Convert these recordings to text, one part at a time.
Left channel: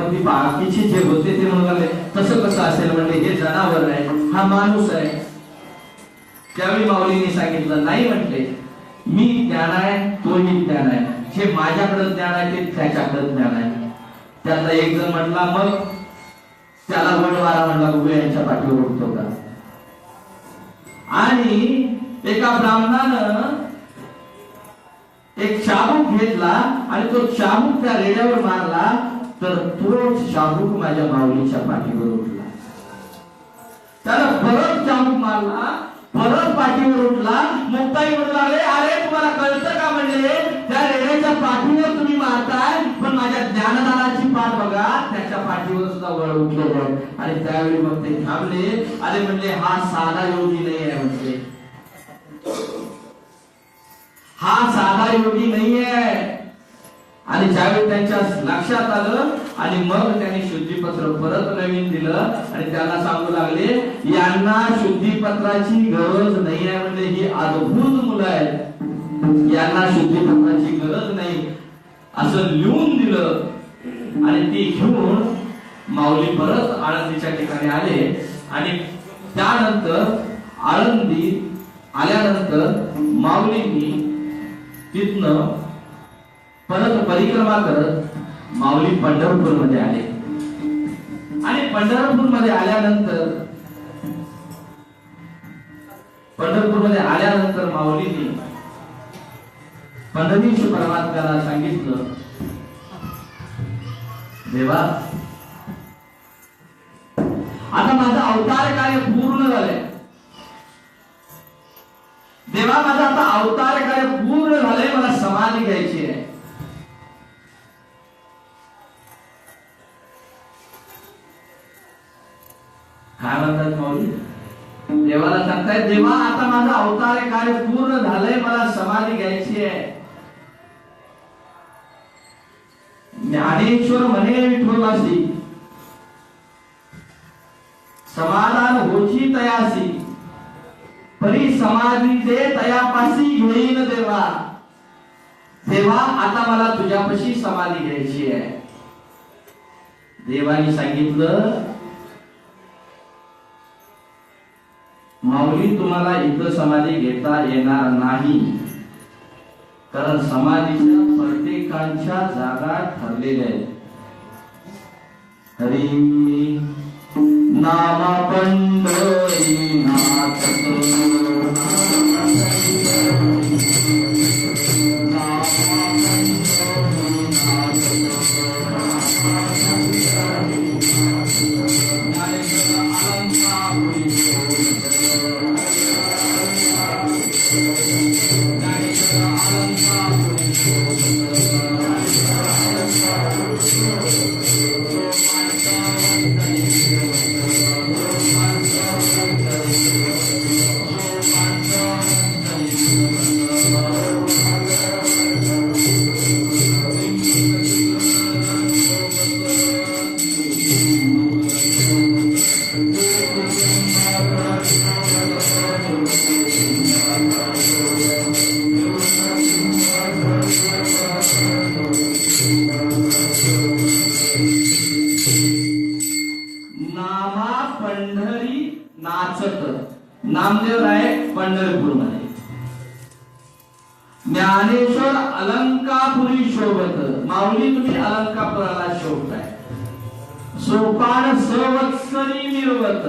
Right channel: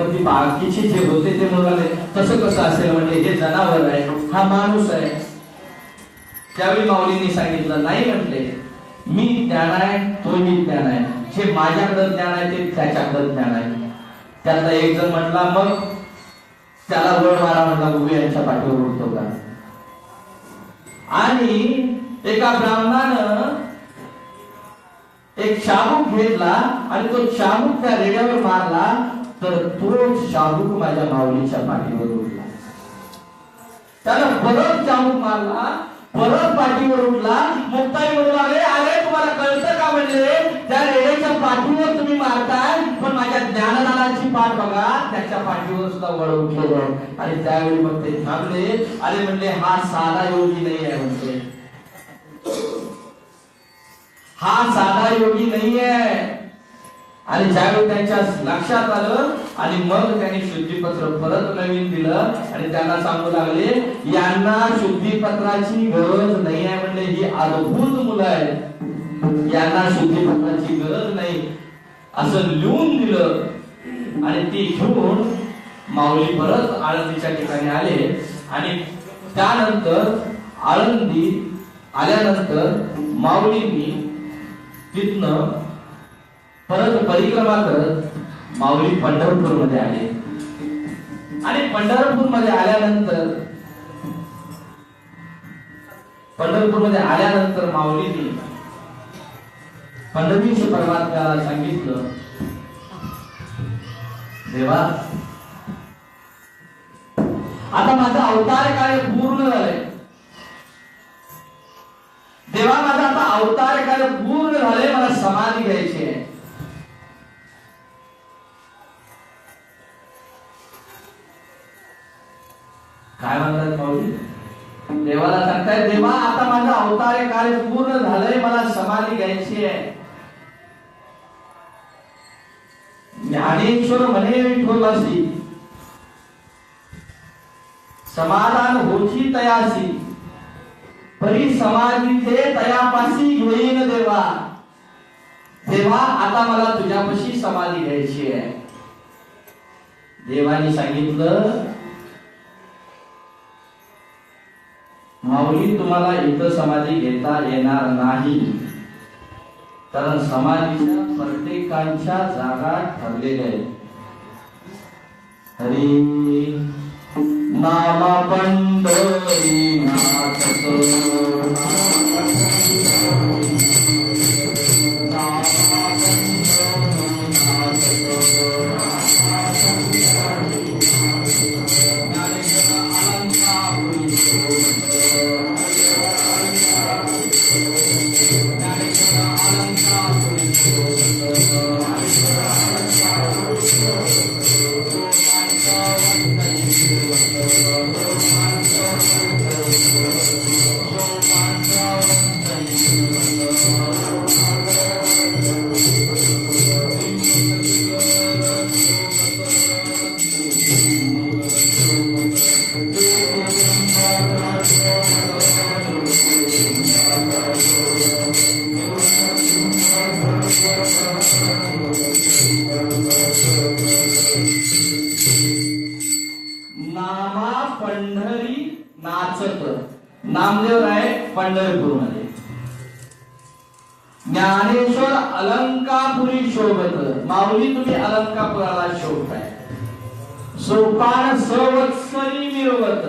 मग ती बाकीचे जे होते ते म्हणाले तसं कसं असेल, म्हणजे हे जनावर आहे, हा माणूस आहे. त्यावेळी माऊलींनी सांगितलं नाही, म्हटले मी ज्ञान आहे, तोही ज्ञान आहे, जे माझ्याकडे ज्ञान आहे ते त्याच्याकडे ज्ञान आहे. त्यातला एक जण म्हटला, मग त्याला वळ मारा म्हटला, उभे यांच्या पाठीवर उठतो का. आणि एका ब्राह्मणानं एक शाबूक घेतला आणि तो शाबूक त्या रेड्यावर मारला, तर तो शाबूक माझ्या माऊलीच्या पाठीवर उठला. त्याला परत शाबूक मारला, परत पाठीवर उठला. मुक्ताई म्हणू लागले, अरे तुम्हाला कळतं का, म्हणले त्या रेड्याच्या पाठीवर तुम्ही मारताय, पण माझ्या ज्ञानदानाची पाठ बघा, त्याच्या पाठीवर सुद्धा वळ उठलेलं आहे. आणि त्यावेळी मग ते थांबले. अरे म्हणले हा साधा योगी नाही आहे, म्हणते हा साधा योगी नाहीये. आणि ज्यावेळी त्यांच्या लक्षात आलं आणि मग त्यांनी शुद्धीपत्र परत नवीन दिलं आणि त्यांना सांगू लागले, यांना शुद्धीपत्राची गरज नाही आहे, म्हणजे ही अद्भुत मुलं आहेत, यांना शुद्धीपत्राची गरज नाही असं लिहून दिलं. आणि ती घेऊन माऊली परत आळंदीच्या ठिकाणी आले. आणि त्यानंतर आळंदी आल्यानंतर माऊलींनी तिथनं परत परिक्रमा करत माऊली पंढरपूर मध्ये आले. आणि पंढरपूर मध्ये आल्यानंतर माऊलींनी पंढरीश परमात्म्याला सांगितलं, देवा आता माझं अवतार कार्य पूर्ण झालंय, देवा माझं आता अवतार कार्य पूर्ण झालंय, मला समाधी घ्यायची आहे. काय म्हणतात माऊली, देवाला सांगताय, देवा आता माझं अवतार कार्य पूर्ण झालंय, मला समाधी घ्यायची आहे. ज्ञानेश्वर म्हणे विठोबासी, समाधान होची तयासी, परी समाधी दे तयापासी घेईन देवा. देवा आता मला तुझ्यापाशी समाधी घ्यायची आहे. देवाने सांगितलं, माऊली तुम्हाला इथं समाधी घेता येणार नाही, कारण समाधीच्या प्रत्येकांच्या जागा ठरलेल्या आहेत. हरी नामा पंढरी नाथ नामदेव राय पंढरपूर मध्ये, ज्ञानेश्वर अलंकापुरी शोभत. माऊली तुम्ही अलंकापुराला शोभताय. सोपान संवत्सरी निर्वत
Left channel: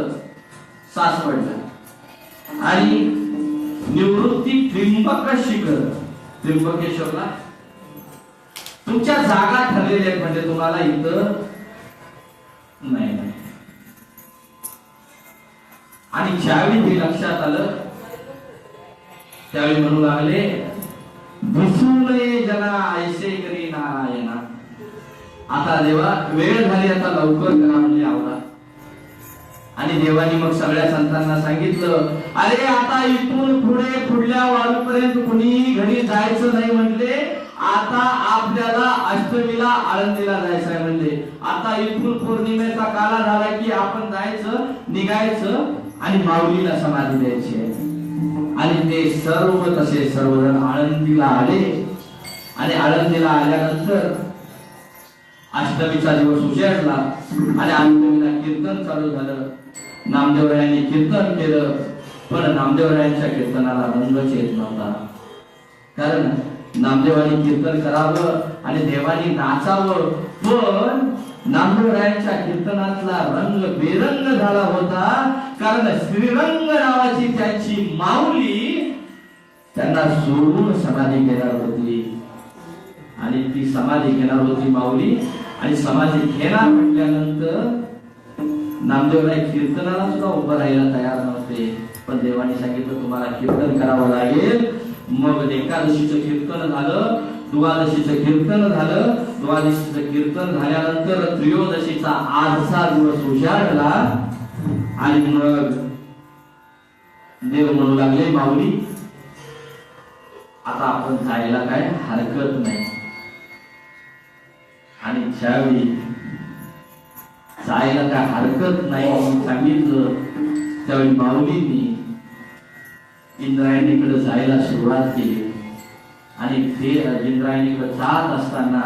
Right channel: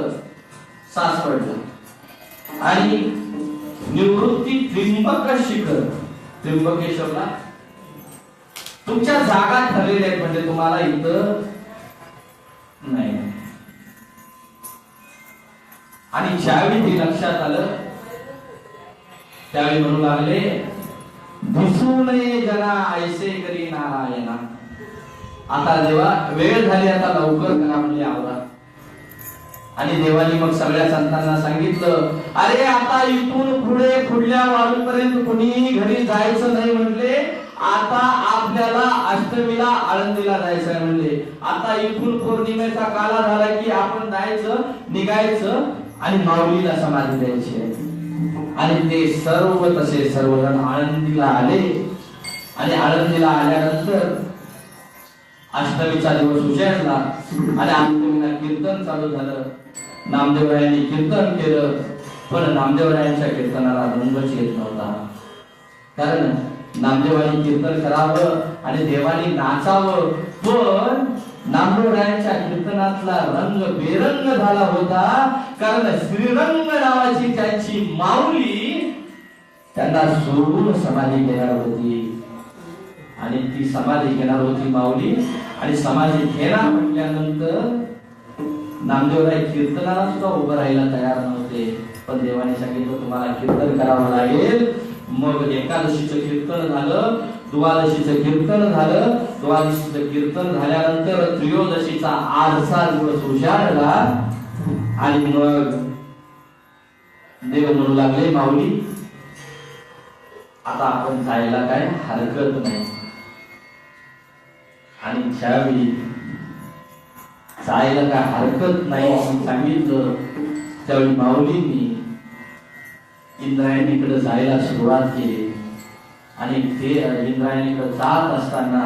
सासवडला. आणि निवृत्ती त्रिंबक शिखर त्र्यंबकेश्वरला. तुमच्या जागा ठरलेल्या आहेत, म्हणजे तुम्हाला इथं नाही. आणि ज्यावेळी हे लक्षात आलं त्यावेळी म्हणू लागले, दिसू नये जना ऐसे करी नारायणा. आता देवा वेळ झाली, आता लवकर करा म्हणजे आवरा. आणि देवानी मग सगळ्या संतांना सांगितलं, अरे आता इथून पुढे पुढल्या वारूपर्यंत कुणी घरी जायचं नाही म्हटले. आता आपल्याला अष्टमीला आळंदीला जायचं आहे म्हणले. आता इथून पौर्णिमेचा काळा झाला की आपण जायचं, निघायचं आणि माऊलीला समाधी द्यायची आहे. आणि ते सर्व तसे सर्वजण आळंदीला आले. आणि आळंदीला आल्यानंतर अष्टमीचा दिवस उजेडला आणि अष्टमीला कीर्तन चालू झालं. नामदेवरायांनी कीर्तन केलं, पण नामदेवरायांच्या कीर्तनाला रंगच येत नव्हता. कारण नामदेवानी कीर्तन करावं आणि देवानी नाचावं, पण नामदेवरायांच्या कीर्तनातला रंग बेरंग झाला होता. कारण श्रीरंग नावाची त्यांची माऊली त्यांना सोडून समाधी घेणार होती आणि ती समाधी घेणार होती माऊली. आणि समाधी घेणार म्हटल्यानंतर नामदेवराय कीर्तनाला सुद्धा उभं राहायला तयार नव्हते. पण देवाने सांगितलं तुम्हाला कीर्तन करावं लागेल. मग एकादशीचं कीर्तन झालं, द्वादशीचं कीर्तन झालं. द्वादशीचं कीर्तन झाल्यानंतर त्रयोदशीचा आजचा दिवस उजाडला आणि मग देव म्हणू लागले माऊली आता आपण जायला काय हरकत नाही. आणि ज्यावेळी जायला काय हरकत नाही सांगितलं त्यावेळी माऊलींनी इंद्रायणीकडे जायला सुरुवात केली. आणि ते इंद्रायणीकडे जात असताना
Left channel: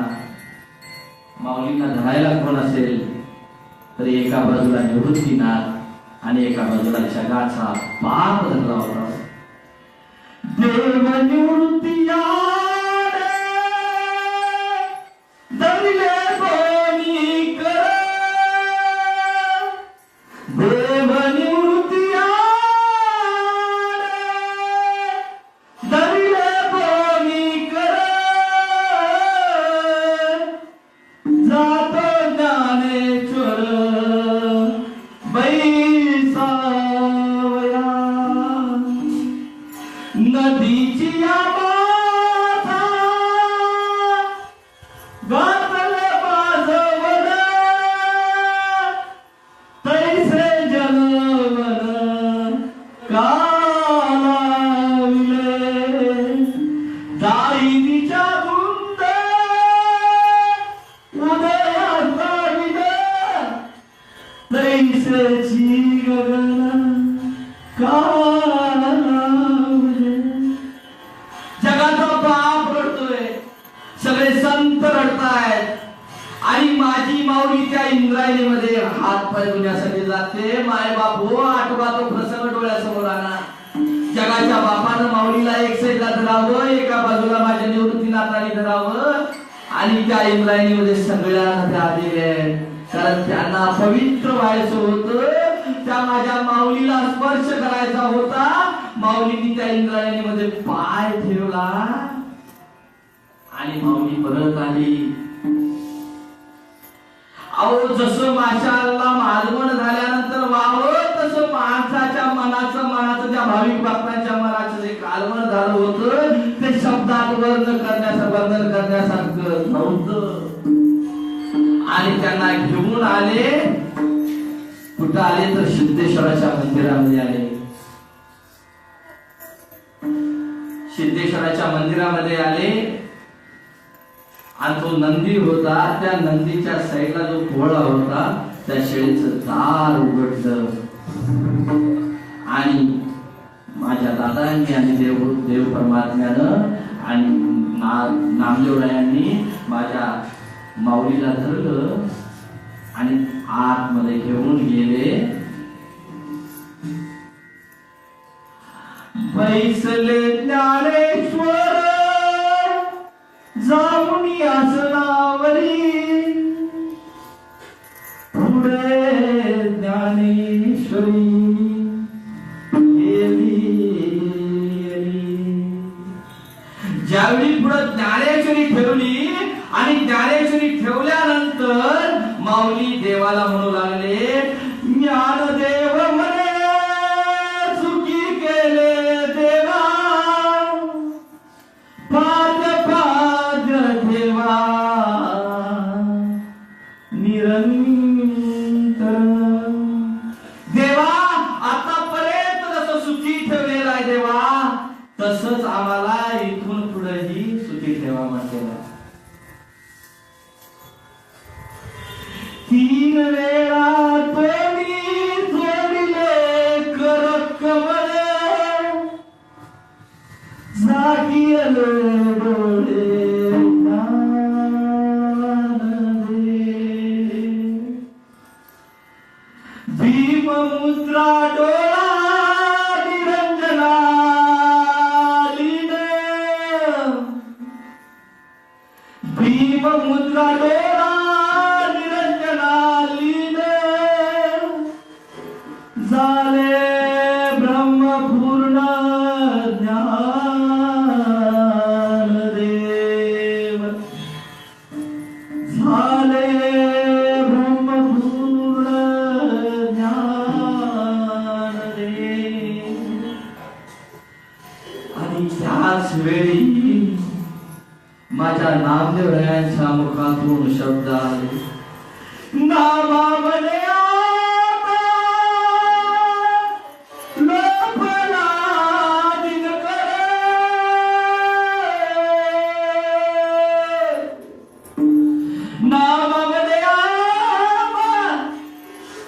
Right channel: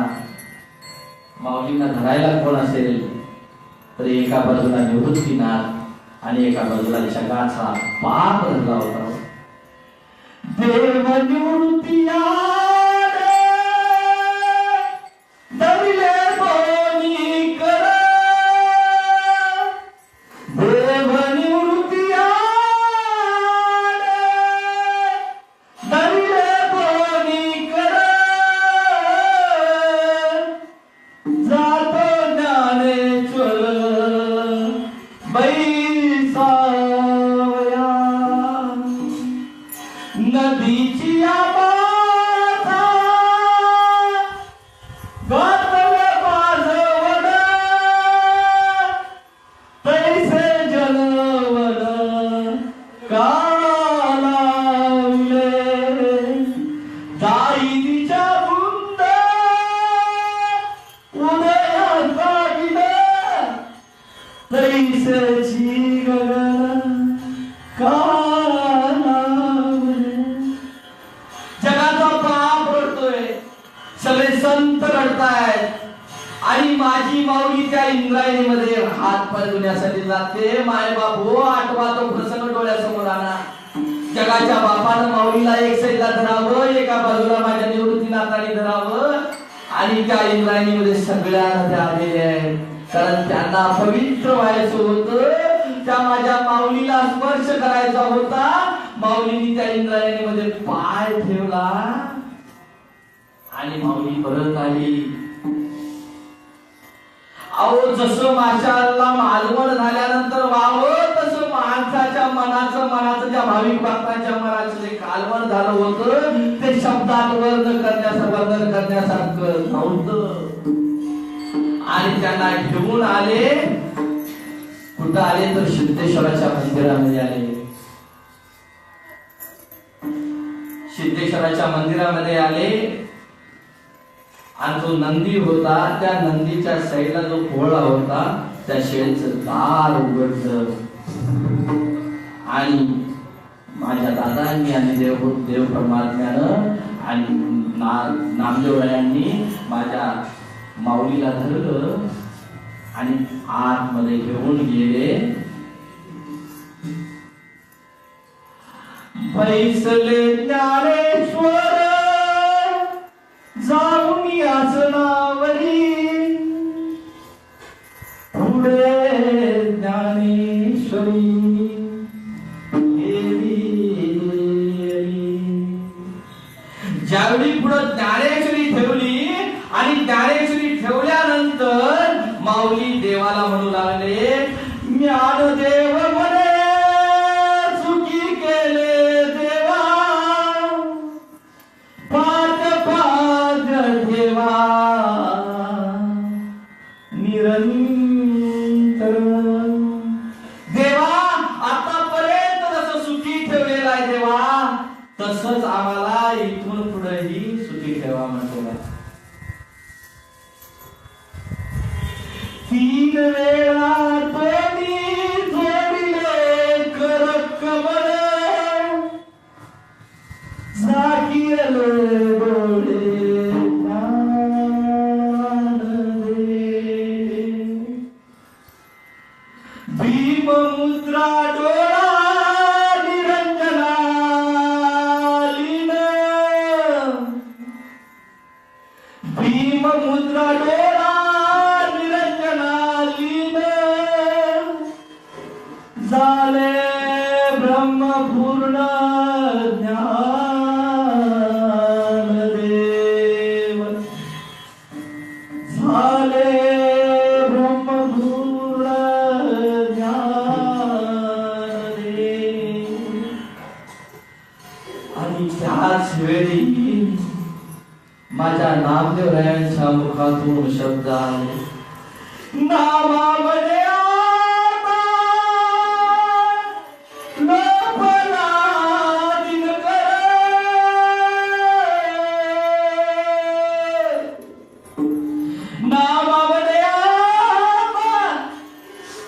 माऊलींना धरायला कोण असेल तर एका बाजूला निवृत्तीनाथ आणि एका बाजूला जगाचा बाप धरला होता. देव निवृत्ती जगाचा बाप रडतोय, सगळे संत रडतायत आणि माझी माऊली त्या इंद्रायणीमध्ये हात पाय धुण्यासाठी जाते. माय बाप हो आठवा तो प्रसंग डोळ्यासमोर आला. जगाच्या बापानं माऊलीला एक साईडला धरावं, एका बाजूला माझ्या निवृत्तीनाथाने धरावं आणि त्या इंद्रायणीमध्ये सगळ्यांना त्या आलेल्या आहेत. कारण त्यांना पवित्र व्हायचं होतं, त्या माझ्या माऊलीला स्पर्श करायचा होता. माऊलीने त्या इंद्रायणीमध्ये पाय ठेवला आणि माऊली परत आली. अहो जसं माशाला मालवण झाल्यानंतर वावं तसं माणसाच्या मनाचं त्या भाविक भक्तांच्या मनाचं जे कालवण झालं होतं ते शब्दात वर्णन करण्यासारखं नव्हतं. आणि त्यांना घेऊन आले. कुठं आले तर सिद्धेश्वराच्या मंदिरामध्ये आले. सिद्धेश्वराच्या मंदिरामध्ये आले आणि तो नंदी होता, त्या नंदीच्या साईडला जो पोळा होता त्या शेळीचं दार उघडलं आणि माझ्या दादांनी आणि देव परमात्म्यानं आणि नामदेवरायांनी माझ्या माऊलीला धरलं आणि आतमध्ये घेऊन गेले. बैसले ज्ञानेश्वर जाऊन आसनावरी, पुढे ज्ञानेश्वरी ज्यावेळी पुढे ज्ञानेश्वरी ठेवली आणि ज्ञानेश्वरी ठेवल्यानंतर माऊली देवाला म्हणू लागले ज्ञानदेव म्हणे सुखी केले देवा, पाद ठेवा निरंतर. देवा आतापर्यंत जसं सुखी ठेवलेला आहे देवा तसंच आम्हाला इथून पुढेही सुखी ठेवा म्हटलेलं आहे. 3 वेळा तोडी जोडले कर कमळ, झाकीले डोळे ज्ञान दे. मुद्रा डोळा निरंजना लीन भीम मुद्रा डोळा निरंजना लीन झाले ब्रह्मपूर्ण ज्ञान देव झाले ब्रह्मपूर्ण ज्ञान देव आणि त्याच वेळी माझ्या नामदेवरायांच्या मुखातून शब्द आले नामामध्ये आता लोपला दिनकर नामामध्ये आता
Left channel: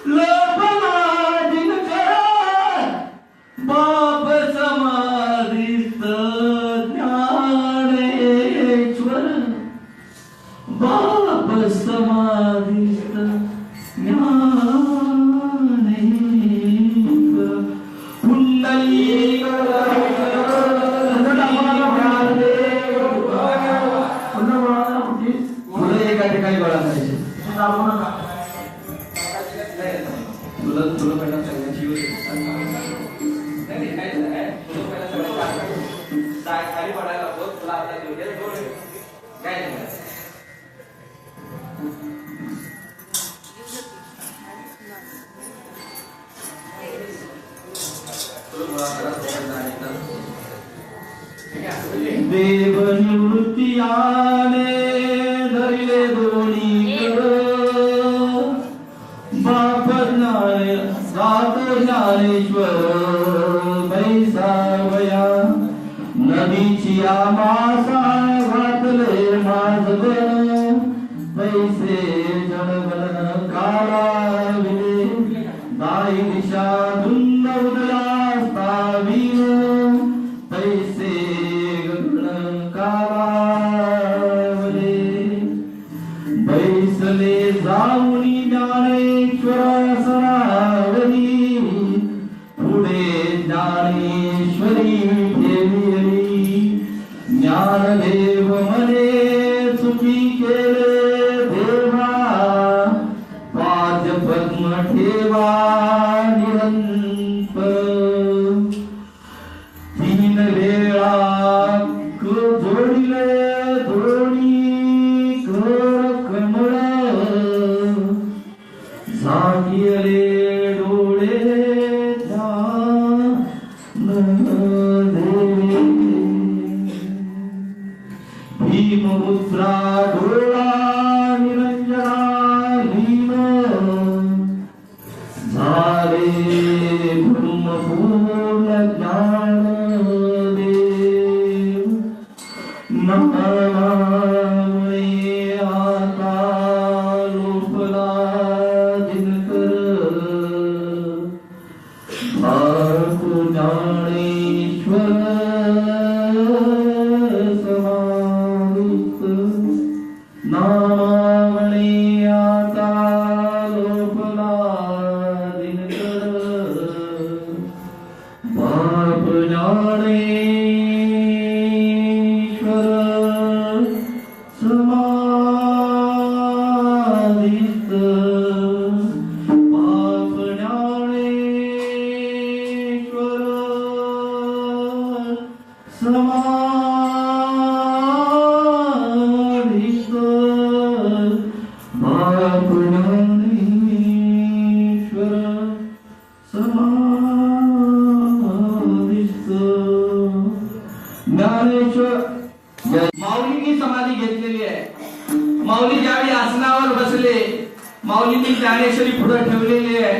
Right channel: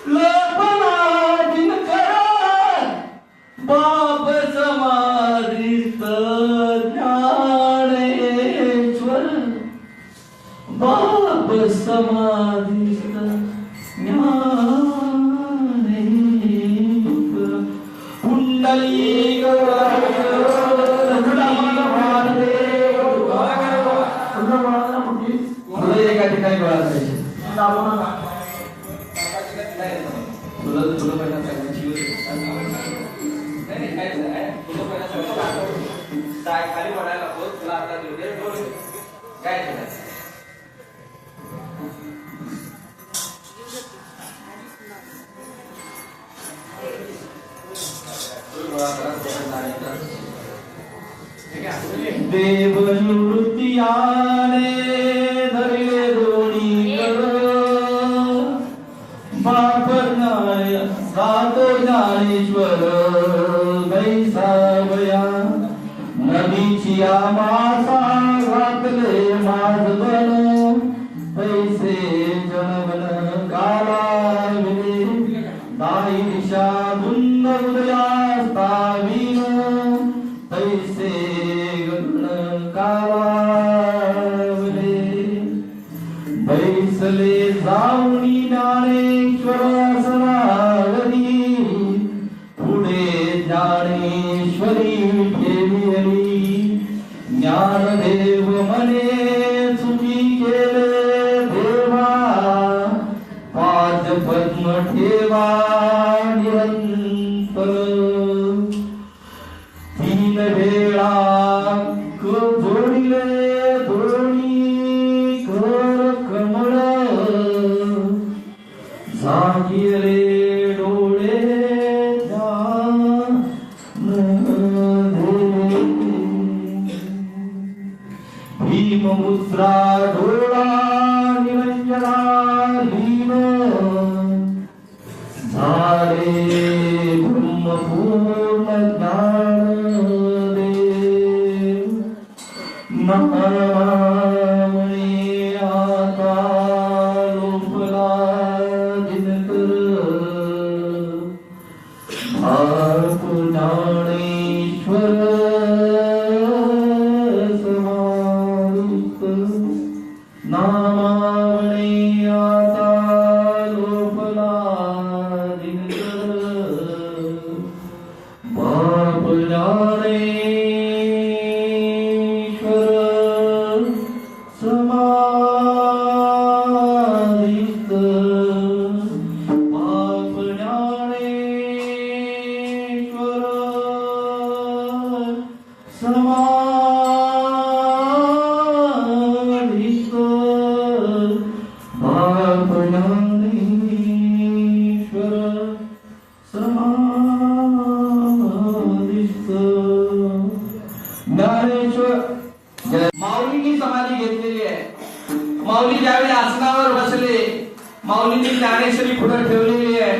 लोपला दिनकर बाप समाधीस्त ज्ञानेश्वर बाप समाधीस्त ज्ञानेश्वर कुंडली पुढे एका ठिकाणी गळा पाहिजे तुला तुला पहिला सगळ्यांची नाही काय तुला पहिला सगळ्यांचा खाली पडायला नको तुला आता जेवढे काय देव निवृत्ती आले धरले दोन्ही बाप ज्ञाने जातो ज्ञानेश्वर बैसावया नदीची आमासा घातले माझबन पैसे जनगण कालाविले दाई दिशा धुंद उदयास्तावीन पैसे गण कालावले बैसले जाऊनी ज्ञानेश्वर सरावरी पुढे ज्ञानेश्वरी ठेविली ज्ञानदेव मने चुकी केले देवा पाद पद्म ठेवा निरंतर तीन वेळा जोडिले दोन्ही कर कमळ जागिले डोळे भीममुद्रा डोळा निरंजना लीन झाले ब्रह्मपूर्ण ज्ञानदेव नामये आता लोपला दिनकर भारत ज्ञानेश्वर समाधित नामये आता लोपला दिनकर बाप ज्ञानेश्वर समाधित बाप ज्ञानेश्वर समाधित बाप ज्ञानेश्वर समाधित ज्ञानेश्वर माऊलींनी समाधी घेतलेली आहे. माऊली ज्यावेळी आसनावर बसले माऊलींनी ज्ञानेश्वरी पुढे ठेवलेली आहे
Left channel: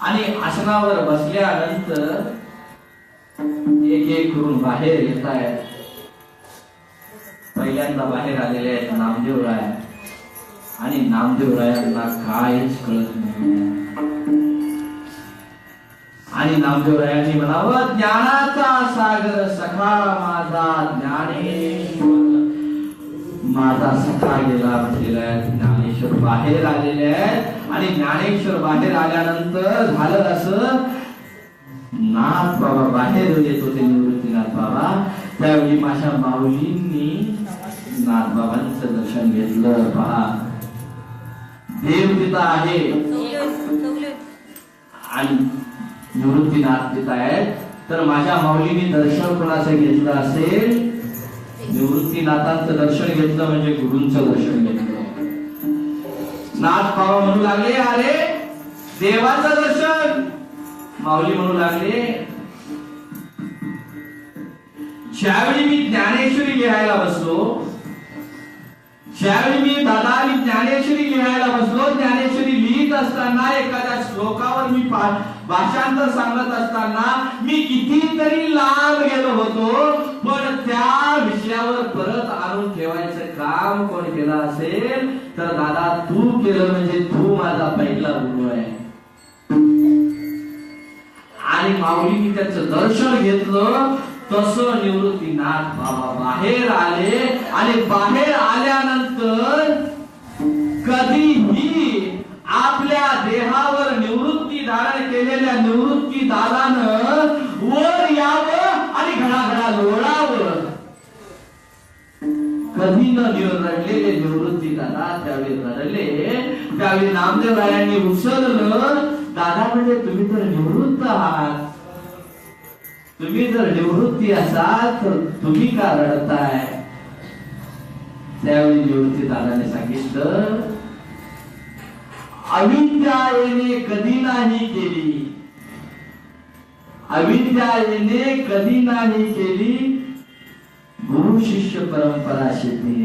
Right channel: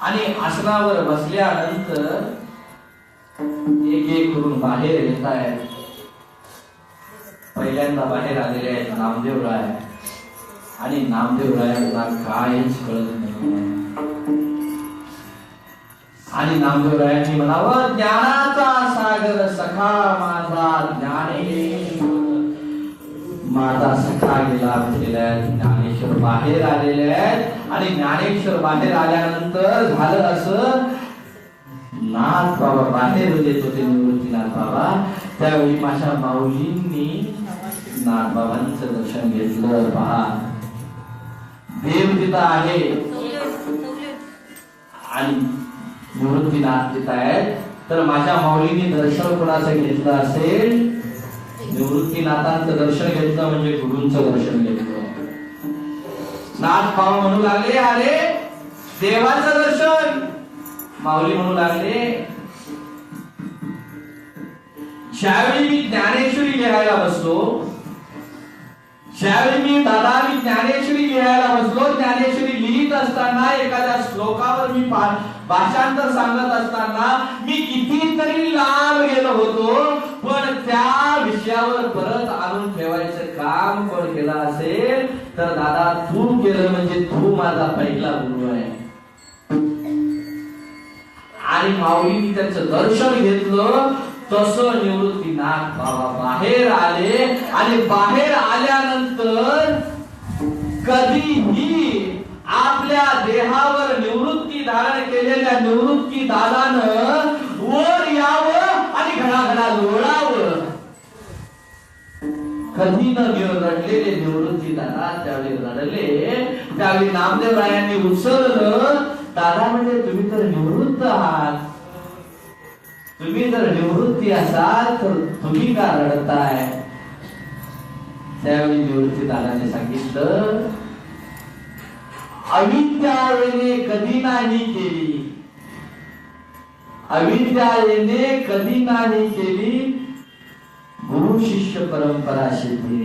आणि आसनावर बसल्यानंतर एक एक करून बाहेर येत आहे. पहिल्यांदा बाहेर आलेले आहेत नामदेवराय आणि नामदेवरायांना काहीच कळत नाही आणि नामदेवरायांनी म्हणावं ज्ञानाचा सागर सखा माझा ज्ञानेश्वर माझा सखा गेलेला आहे. ज्ञानेश्वर बाहेर आलेले आहेत आणि ज्ञानेश्वर बाहेर आल्यानंतर झालं असं, नाथ बाबा बाहेर येत होते, निवृत्तीनाथ बाबा. त्यावेळी माझ्या माऊलींनी नाथ बाबांचं दर्शन घेतलं. पहा, देव तिथं आहे आणि निवृत्तीनाथ तिथं आहेत. तर माझ्या माऊलीने दर्शन कोणाचं घेतलं असेल? निवृत्तीनाथांचं दर्शन घेतलं म्हणजे गुरूंचं दर्शन घेतलं. नाथ बाबा म्हणू लागले, अरे देवाचं दर्शन. माऊली म्हणू लागले, ज्यावेळी मी ज्ञानेश्वरी लिहायला बसलो, ज्यावेळी मी दादा आणि ज्ञानेश्वरी लिहायला बसलो, ज्ञानेश्वरी लिहित असताना एखाद्या श्लोकावर मी भाषांतर सांगत असताना मी कितीतरी लांब गेलो होतो, पण त्या विषयावर परत आणून ठेवायचं काम कोण केलं असेल तर दादा तू केलं. म्हणजे तू माझा पहिला गुरु आहे. आणि माऊलींनी त्याचं दर्शन घेतलं. तसं निवृत्तीनाथ बाबा बाहेर आले आणि बाहेर आल्यानंतर कधीही आपल्या देहावर निवृत्ती धारण केलेल्या निवृत्ती दादानं वर यावं आणि घडाघडा लोळावं. कधी न रडलेले निवृत्ती दादा त्यावेळी रडले. त्यावेळी नामदेवरायांनी उचललं. दादा म्हणजे तुम्ही तर निवृत्त आहात, तुम्ही जर निवृत्ती असाल तर तुम्ही का रडताय? त्यावेळी निवृत्ती दादाने सांगितलं, अविद्या येणे कधी नाही केली, अविद्या येणे कधी नाही केली, गुरु शिष्य परंपरा शेती.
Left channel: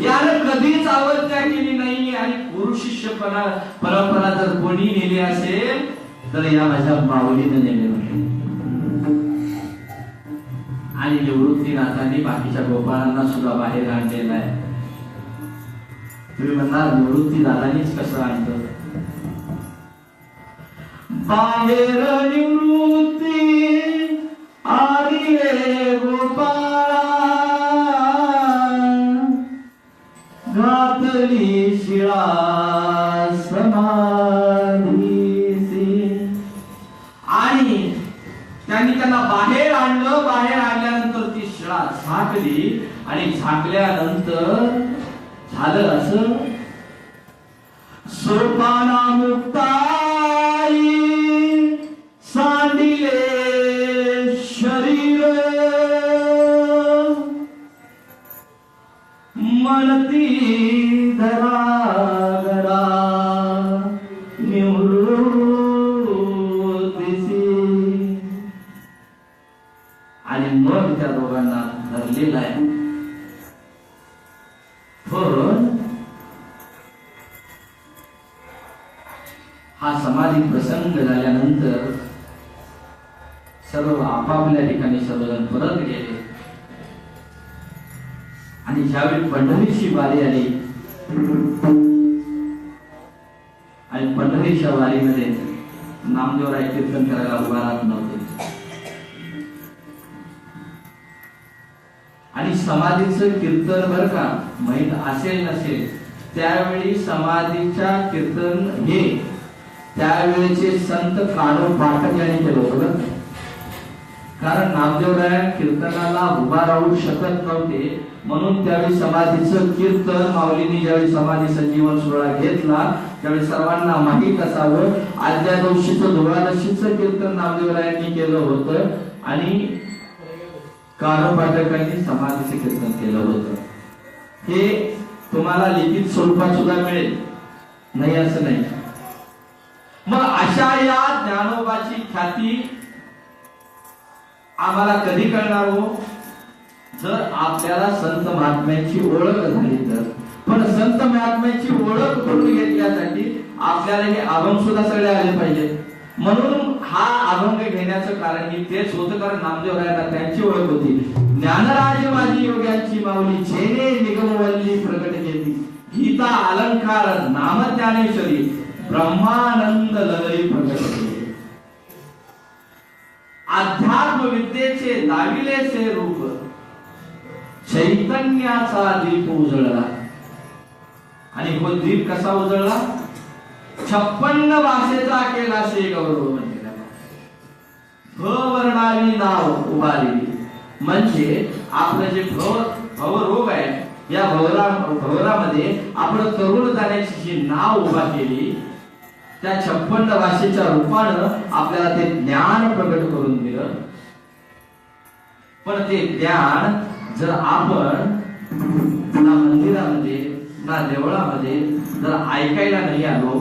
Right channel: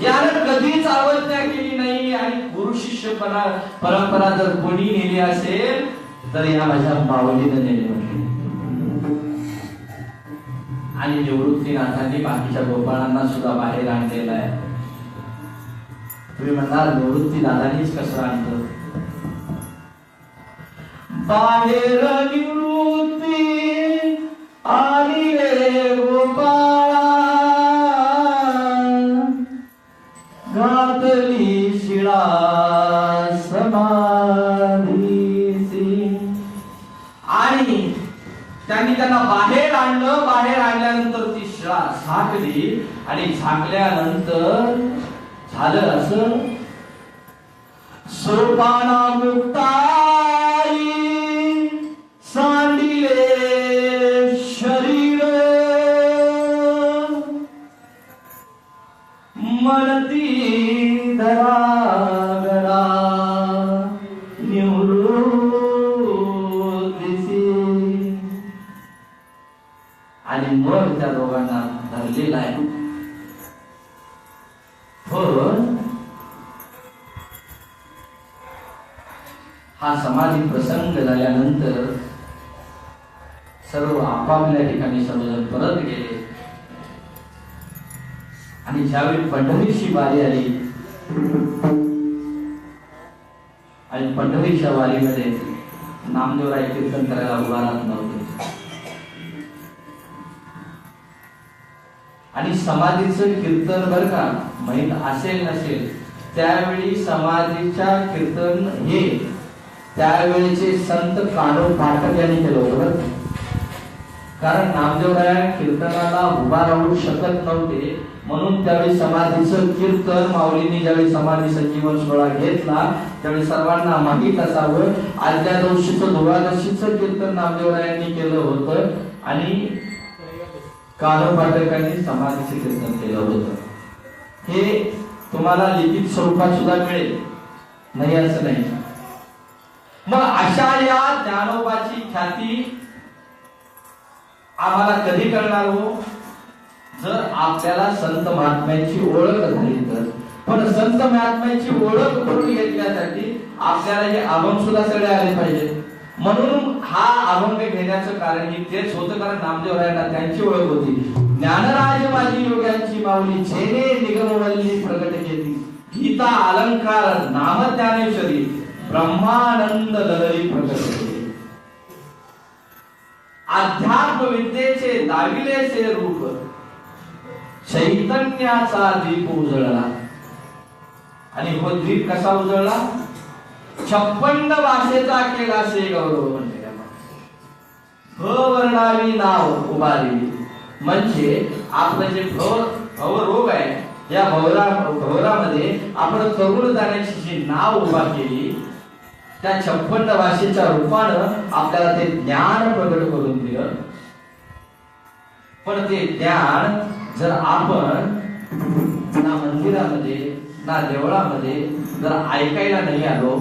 यानं कधीच अवज्ञा केली नाही आणि गुरु शिष्य परंपरा जर कोणी नेली असेल तर या माझ्या माऊलीने नेले होते. आणि निवृत्तीनाथांनी बाकीच्या गोपाळांना सुद्धा बाहेर आणलेला आहे. तुम्ही म्हणणार निवृत्ती दादानीच कसं आणलं? बाहेर निवृत्ती आली रे गोपाळा, घातली शिळा आणि त्यांनी त्यांना बाहेर आणलं. बाहेर आणल्यानंतर ती शिळा झाकली आणि झाकल्यानंतर झालं असं, सोपाना मुक्ताई सांडिले शरीर, म्हणती धरा निवृत्तीसी. आणि मग त्या दोघांना धरलेला आहे. पण हा समाधी प्रसंग झाल्यानंतर सर्व आपापल्या ठिकाणी सर्वजण परत गेले. आणि ज्यावेळी पंढरीची वारी आली आणि पंढरीच्या वारीमध्ये नामदेवराय कीर्तन करायला उभा राहत नव्हते. आणि समाधीचं कीर्तन बर का माहित असेल नसेल, त्यावेळी समाधीच्या कीर्तन हे त्यावेळेचे संत काढो पाठक यांनी केलं होतं. कारण नामदेवराय कीर्तनाला उभा राहू शकत नव्हते, म्हणून त्यावेळी समाधीचं कीर्तन माऊलींनी ज्यावेळी समाधी संजीवन सोहळा घेतला त्यावेळी सर्वांना माहीत असावं, आजच्या दिवशीचं द्वादशीचं कीर्तन नामदेवरायांनी केलं होतं आणि काढो पाठकांनी समाधीचं कीर्तन केलं होतं. हे तुम्हाला लिखित स्वरूपात सुद्धा मिळेल, नाही असं नाही. मग अशा या ज्ञानोबाची ख्याती आम्हाला कधी कळणार हो? जर आपल्याला संत महात्म्यांची ओळख झाली तर. पण संत महात्म्यांची ओळख करून घेतल्यासाठी आपल्याला हे अभंग सुद्धा सगळे आले पाहिजे. म्हणून हा अभंग घेण्याचं कारण हे तेच होतं, कारण नामदेवरायांना त्यांची ओळख होती. ज्ञानराज माझी योग्यांची माऊली जेने निगमवल्ली प्रगट केली, गीता अलंकार नाम ज्ञानेश्वरी ब्रह्मानंद लहरी प्रगट केली. अध्यात्म विद्येचे दाविलेचे रूप चैतन्याचा दीप उजळला. आणि हो दीप कसा उजळला? 56 भाषेचा केला से गौरव म्हणलेला. भवर्णावी नाव उभारली. म्हणजे आपलं जे भवरोग आहे, या भवरामध्ये आपण तरुण जाण्याची जी नाव उभा केली, त्या 56 भाषेच्या रूपानं आपल्याला ते ज्ञान प्रकट करून दिलं. पण ते ज्ञान जर आपण ना मंदिरामध्ये ना देवळामध्ये जर ऐकायला नाही आलो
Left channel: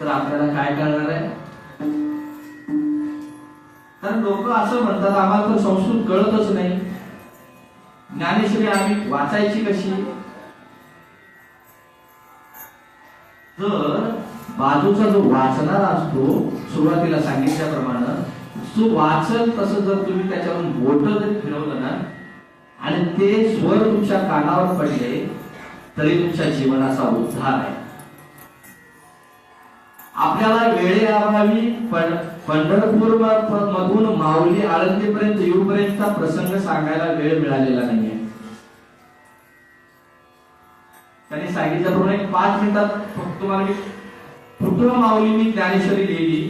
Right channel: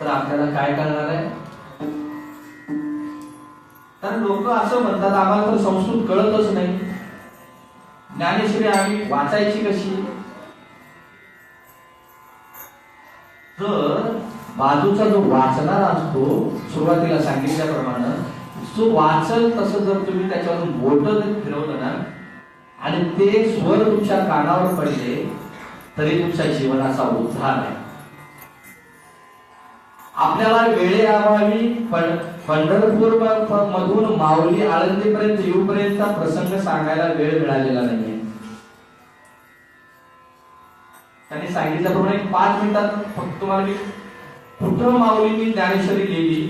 तर आपल्याला काय करणार आहे? कारण लोक असं म्हणतात, आम्हाला तर संस्कृत कळतच नाही, ज्ञानेश्वरी आम्ही वाचायची कशी? तर बाजूचा जो वाचणारा असतो, सुरुवातीला सांगितल्याप्रमाणे जो वाचल तसं जर तुम्ही त्याच्यावरून बोट जर फिरवलं ना आणि ते स्वर तुमच्या कानावर पडले तरी तुमच्या जीवनाचा उद्धार आहे. आपल्याला वेळेअभावी पंढरपूर मधून माऊली आळंदीपर्यंत येऊपर्यंतचा प्रसंग सांगायला वेळ मिळालेला नाहीये. त्यांनी सांगितल्याप्रमाणे 5 मिनिटात फक्त तुम्हाला मी कुठं माऊलींनी ज्ञानेश्वरी लिहिली,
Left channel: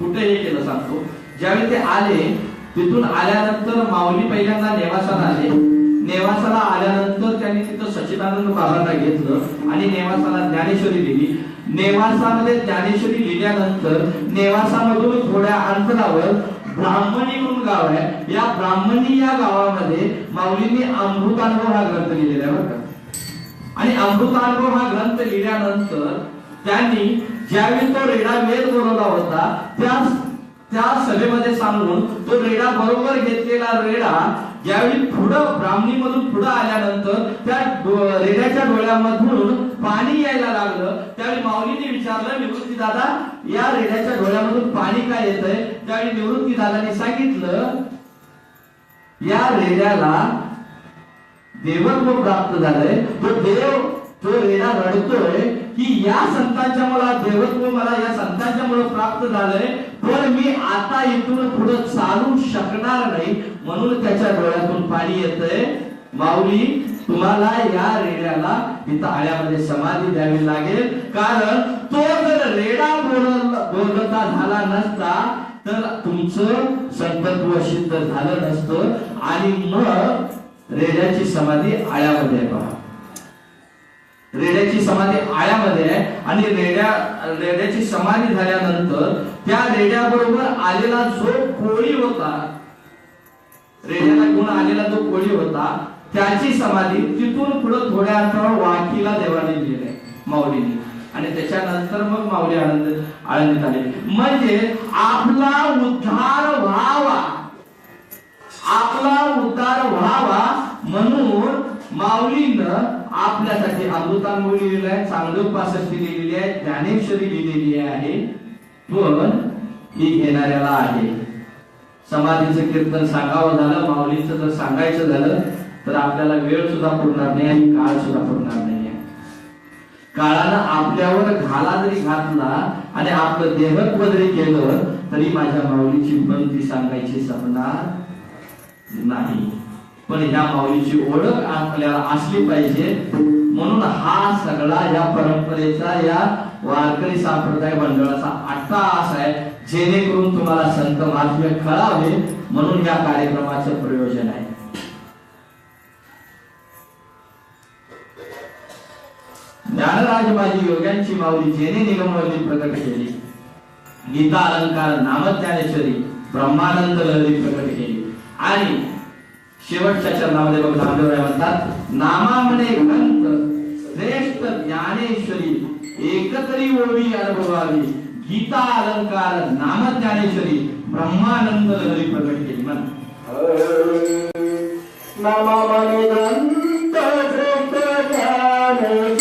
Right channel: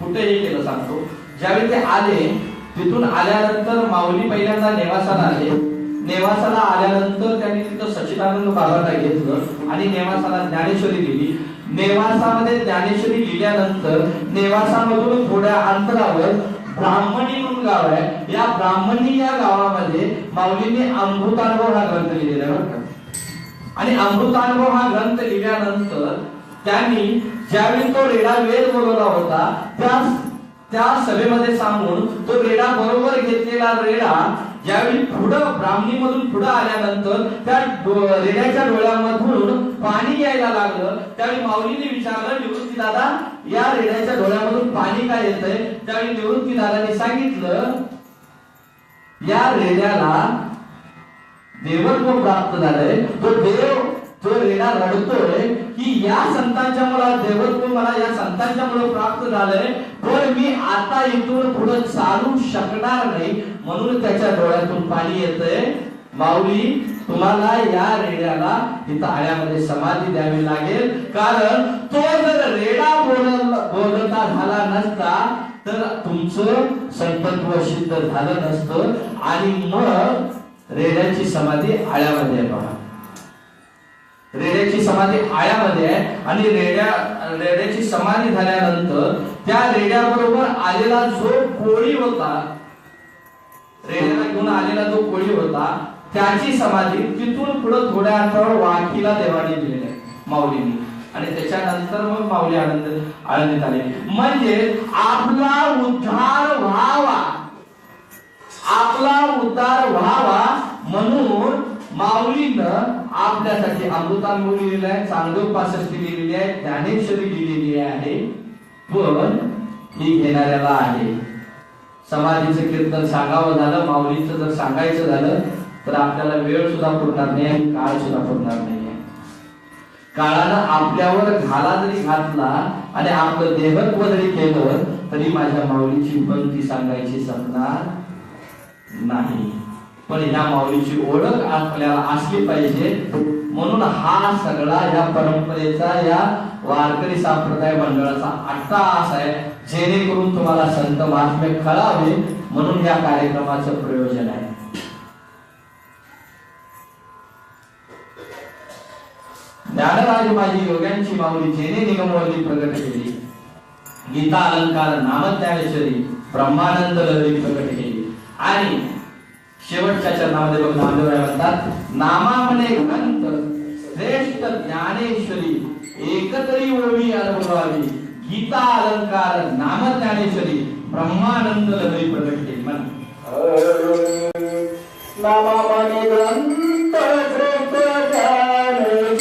कुठे हे केलं सांगतो. ज्यावेळी ते आले, तिथून आल्यानंतर माऊली पहिल्यांदा नेवासाला आले. नेवासाला आल्यानंतर त्यांनी तिथं सच्चिदानंद बाबांना घेतलं आणि नेवासाला ज्ञानेश्वरी लिहिली. नेवासामध्ये ज्ञानेश्वरी लिहिल्यानंतर नेवासामधून थोड्या अंतरावर ब्राह्मणी म्हणून गाव आहे. या ब्राह्मणी या गावामध्ये माऊलींनी अमृतानुभव हा ग्रंथ लिहिलेला आहे. आणि अमृतानुभव हा ग्रंथ लिहिल्यानंतर त्यांनी ज्यावेळी तो रेडा वेद बोलवला होता त्या सभेमध्ये सांगून तो रेडा बरोबर घेतलेला रेडा ज्यावेळी पुढं ब्राह्मणी मधून पुढे आल्यानंतर त्या रेड्याच्या डोळ्यामधून पाणी यायला लागलं. त्यावेळी माऊलींनी विचारलं, निवृत्ती दादा, या रेड्याच्या डोळ्यामधून पाणी काय येतंय? त्यावेळी निवृत्ती दादाने सांगितलं, या रेड्याला देवत्व प्राप्त झालंय. तो रेडा रडतोय की या संतांच्या मला देवत्व, मला या संतांच्या मुळे प्राप्त झालंय, पण मी आता इथून पुढे चालू शकणार नाही, म्हणून त्याच्या डोळ्यातून पाणी येतंय. माऊली, तुम्हाला या रेड्याला इथं आळ्यामध्ये समाधी द्यावी लागेल, कारण तो जर रेडा बोलता झाला नसता तर तुमचं संतत्व सिद्ध झालं नसतं. आणि मग रेड्याची समाधी आळ्यामध्ये पहा. रेड्याची समाधी आळ्यामध्ये आहे. आणि रेड्याची समाधी झाल्यानंतर त्या रेड्याबरोबर आलेला जो कोळी होता, रेड्याला घेऊन आलेला जो कोळी होता, त्याची समाधी तिथून पुढे थोड्या अंतरावर वाकीला देवाने दिलेली आहे माऊलींनी. आणि त्याच्यानंतर मग माऊली आळंदीत आले. म्हणजे आपला उद्धार व्हावा म्हणून माऊलीनं आपल्यासाठी अमृतानुभव लिहिलेला आहे, चांगदेव लिहिलेली आहे, ज्ञानेश्वरी लिहिलेली आहे. पण ही घेणाऱ्याला आहे. समाधीचं कीर्तन सांगावं झालं, माऊलींचं जर सांगायचं झालं तर आपल्याला वेळ सुद्धा पुरणार नाही आणि काळ सुद्धा पुरणार नाही. काळानं आपल्यावर घाला जरी घातला आणि आपलं देहत्व जरी केलं तरी माझ्या माऊलीची भक्ती सांगायची संपणार नाही. पण ह्या माऊलीची ओळख आपल्याला असली पाहिजे. म्हणून हा सगळा या परंपरेचा, या वारकरी संप्रदाय मंडळाचा अट्टाहास आहे, जेणेकरून तुम्हाला संत महात्म्य कळावे, म्हणून या कार्यक्रमाचं प्रयोजन आहे. ज्ञानराज माझी योग्यांची माऊली जेने निगमवली प्रकट केली, गीता अलंकार नामज्ञानेश्वरी ब्रह्मानंद लहरी प्रकट केली. आणि शेवटच्या चरणामध्ये बघ नामदेव म्हणतात, नामा म्हणे ग्रंथ श्रेष्ठ ज्ञानेश्वरी एकतरी ओळी अनुभवावी, गीता अलंकार नामज्ञानेश्वरी ब्रह्मानंद लहरी प्रकट केली. नामा म्हणे ग्रंथ श्रेष्ठ ज्ञानेश्वरी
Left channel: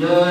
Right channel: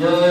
जय